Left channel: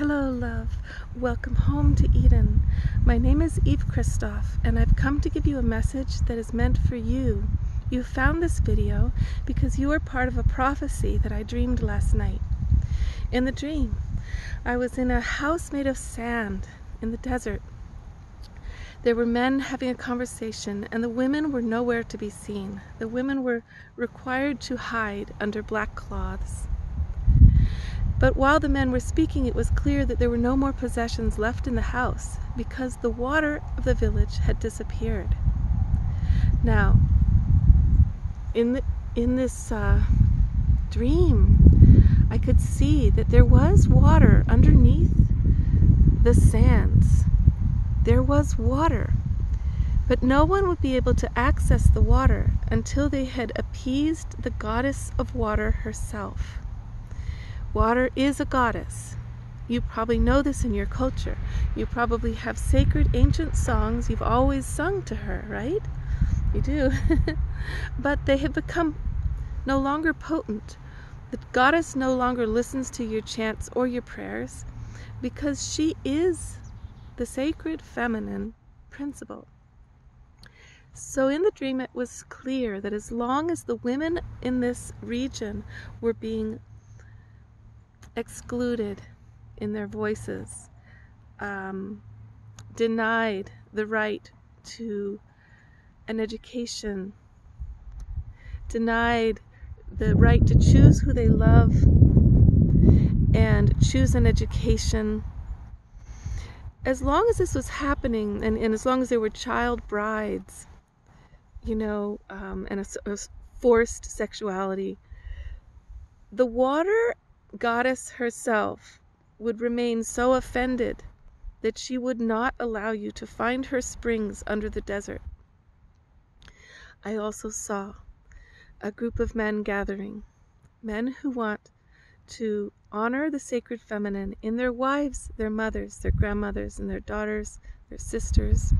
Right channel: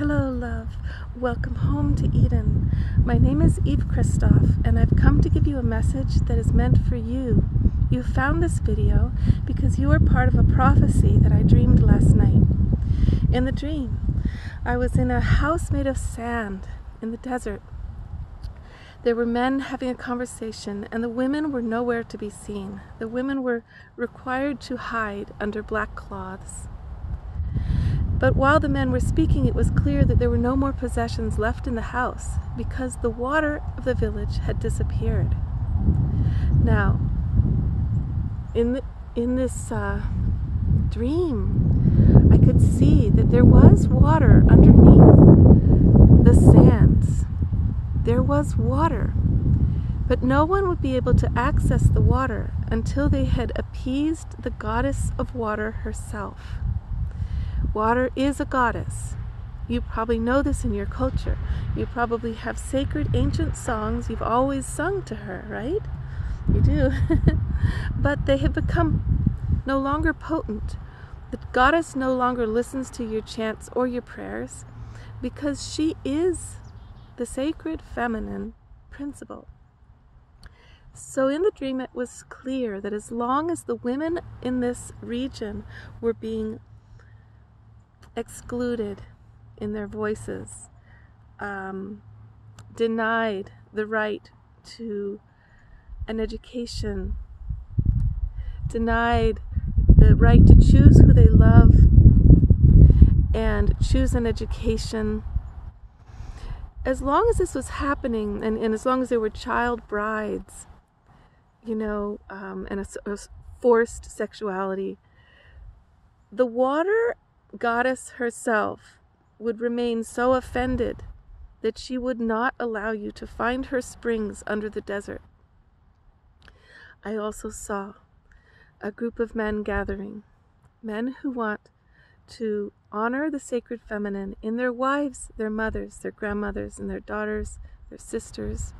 Hello, love. Welcome home to Eden. My name is Eve Christoph, and I've come to give you a message that is meant for you. You found this video because you are part of a prophecy that I dreamed last night. In the dream, I was in a house made of sand in the desert. There were men having a conversation, and the women were nowhere to be seen. The women were required to hide under black cloths. But while the men were speaking, it was clear that there were no more possessions left in the house because the water of the village had disappeared. Now, in this dream, I could see that there was water underneath the sands. There was water, but no one would be able to access the water until they had appeased the goddess of water herself. Water is a goddess. You probably know this in your culture. You probably have sacred ancient songs you've always sung to her, right? You do. But they have become no longer potent. The goddess no longer listens to your chants or your prayers because she is the sacred feminine principle. So in the dream it was clear that as long as the women in this region were being excluded in their voices, denied the right to an education, denied the right to choose who they love and choose an education. As long as this was happening, and as long as there were child brides, and a forced sexuality, the water goddess herself would remain so offended that she would not allow you to find her springs under the desert. I also saw a group of men gathering, men who want to honor the sacred feminine in their wives, their mothers, their grandmothers, and their daughters, their sisters,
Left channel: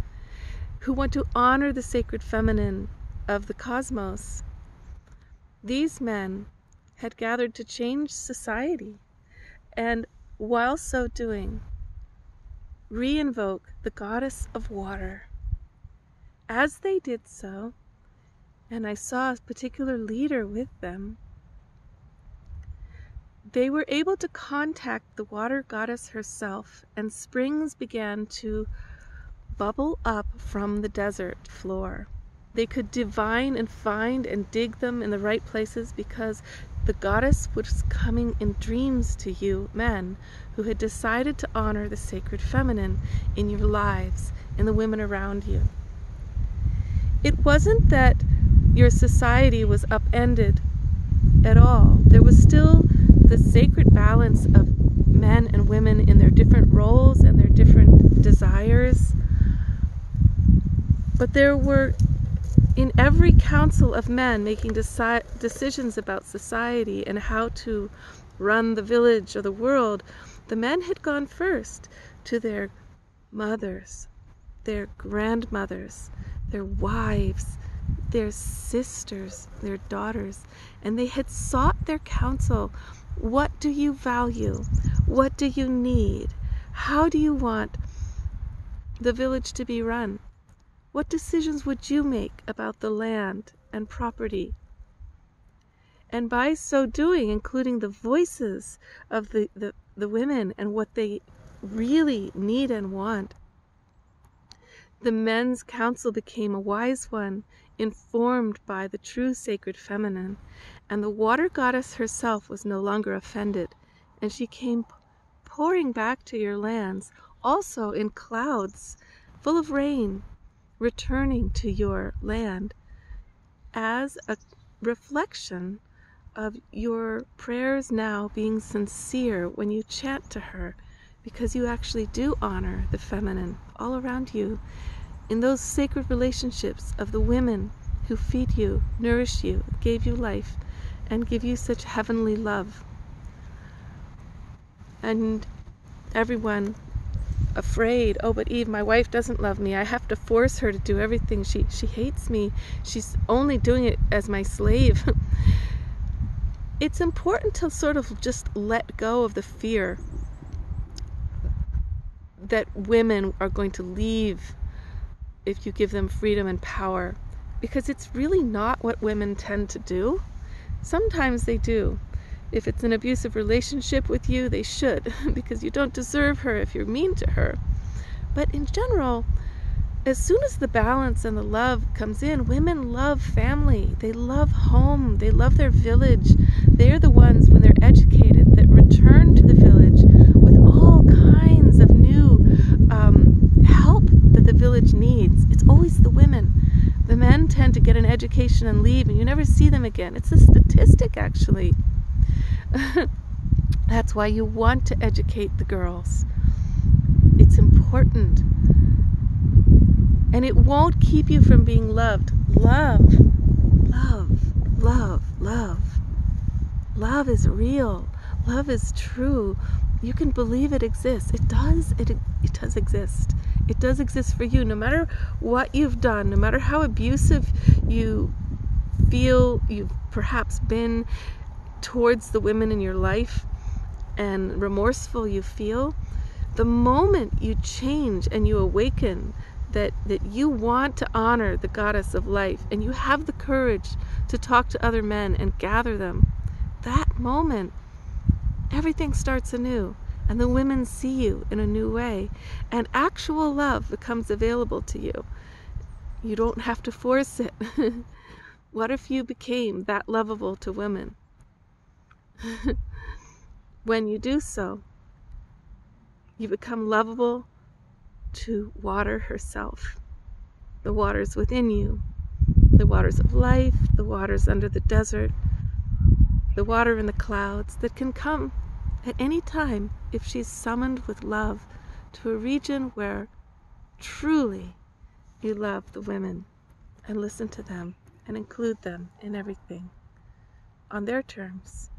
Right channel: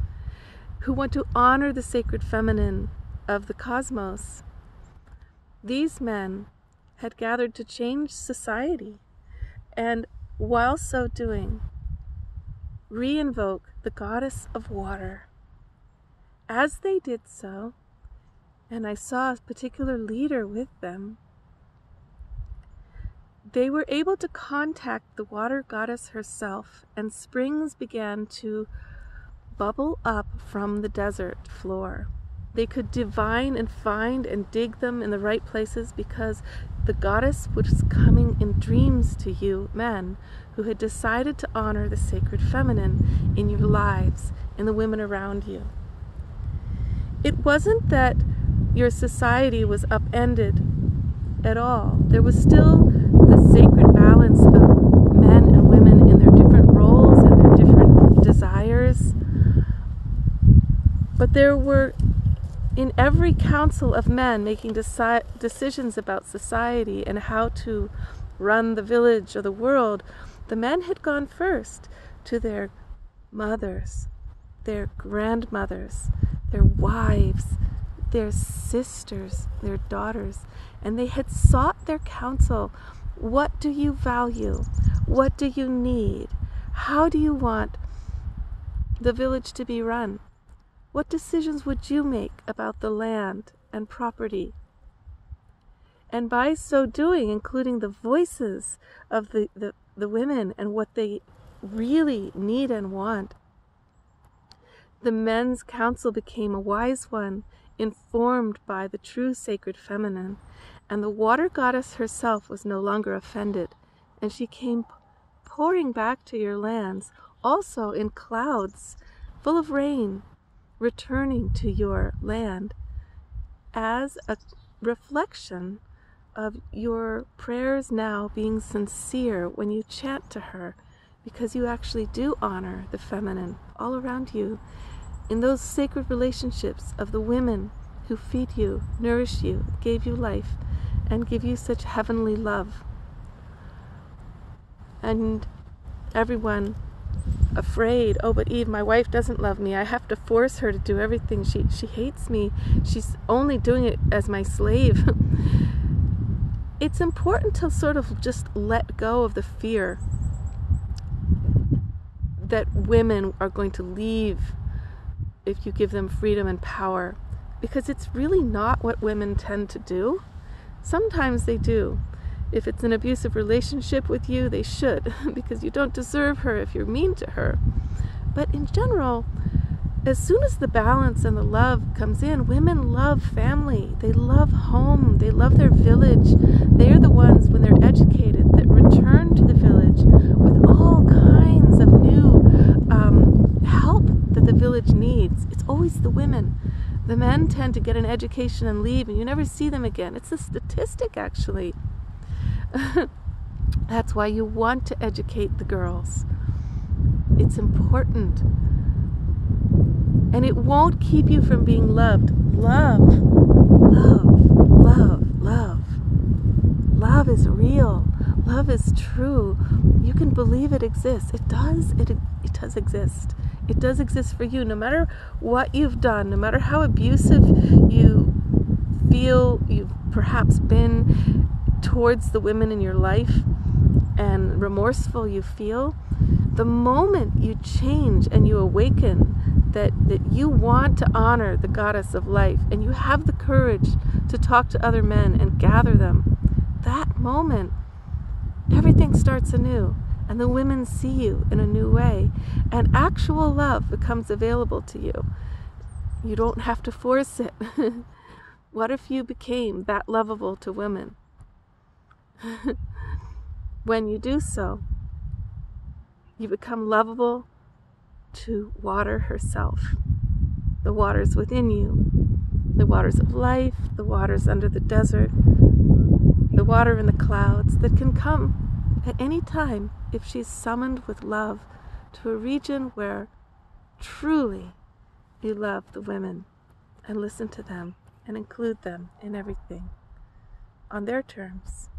who want to honor the sacred feminine of the cosmos. These men had gathered to change society, and while so doing, re-invoke the goddess of water. As they did so, and I saw a particular leader with them, they were able to contact the water goddess herself, and springs began to bubble up from the desert floor. They could divine and find and dig them in the right places because the goddess was coming in dreams to you, men, who had decided to honor the sacred feminine in your lives and the women around you. It wasn't that your society was upended at all. There was still the sacred balance of men and women in their different roles and their different desires. But there were, in every council of men making decisions about society and how to run the village or the world, the men had gone first to their mothers, their grandmothers, their wives, their sisters, their daughters, and they had sought their counsel. What do you value? What do you need? How do you want the village to be run? What decisions would you make about the land and property? And by so doing, including the voices of the women and what they really need and want, the men's council became a wise one, informed by the true sacred feminine, and the water goddess herself was no longer offended, and she came pouring back to your lands, also in clouds full of rain, returning to your land as a reflection of your prayers now being sincere when you chant to her, because you actually do honor the feminine all around you in those sacred relationships of the women who feed you, nourish you, gave you life, and give you such heavenly love. And everyone afraid, oh, but Eve, my wife doesn't love me. I have to force her to do everything. She hates me. She's only doing it as my slave. It's important to sort of just let go of the fear that women are going to leave if you give them freedom and power, because it's really not what women tend to do. Sometimes they do. If it's an abusive relationship with you, they should, because you don't deserve her if you're mean to her. But in general, as soon as the balance and the love comes in, women love family. They love home. They love their village. They're the ones, when they're educated, that return to the village with all kinds of new help that the village needs. It's always the women. The men tend to get an education and leave, and you never see them again. It's a statistic, actually. That's why you want to educate the girls. It's important. And it won't keep you from being loved. Love, love, love, love. Love is real. Love is true. You can believe it exists. It does. It does exist. It does exist for you. No matter what you've done, no matter how abusive you feel you've perhaps been towards the women in your life, and remorseful you feel, the moment you change and you awaken that you want to honor the goddess of life, and you have the courage to talk to other men and gather them, that moment everything starts anew, and the women see you in a new way, and actual love becomes available to you. You don't have to force it. What if you became that lovable to women? When you do so, you become lovable to water herself. The waters within you, the waters of life, the waters under the desert, the water in the clouds that can come at any time if she's summoned with love to a region where truly you love the women and listen to them and include them in everything on their terms.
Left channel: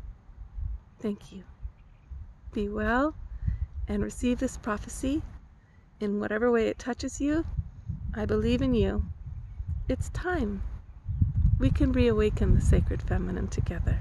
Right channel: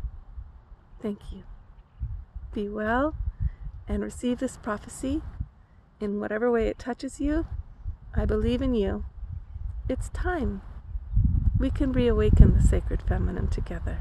Thank you. Be well and receive this prophecy in whatever way it touches you. I believe in you. It's time. We can reawaken the sacred feminine together.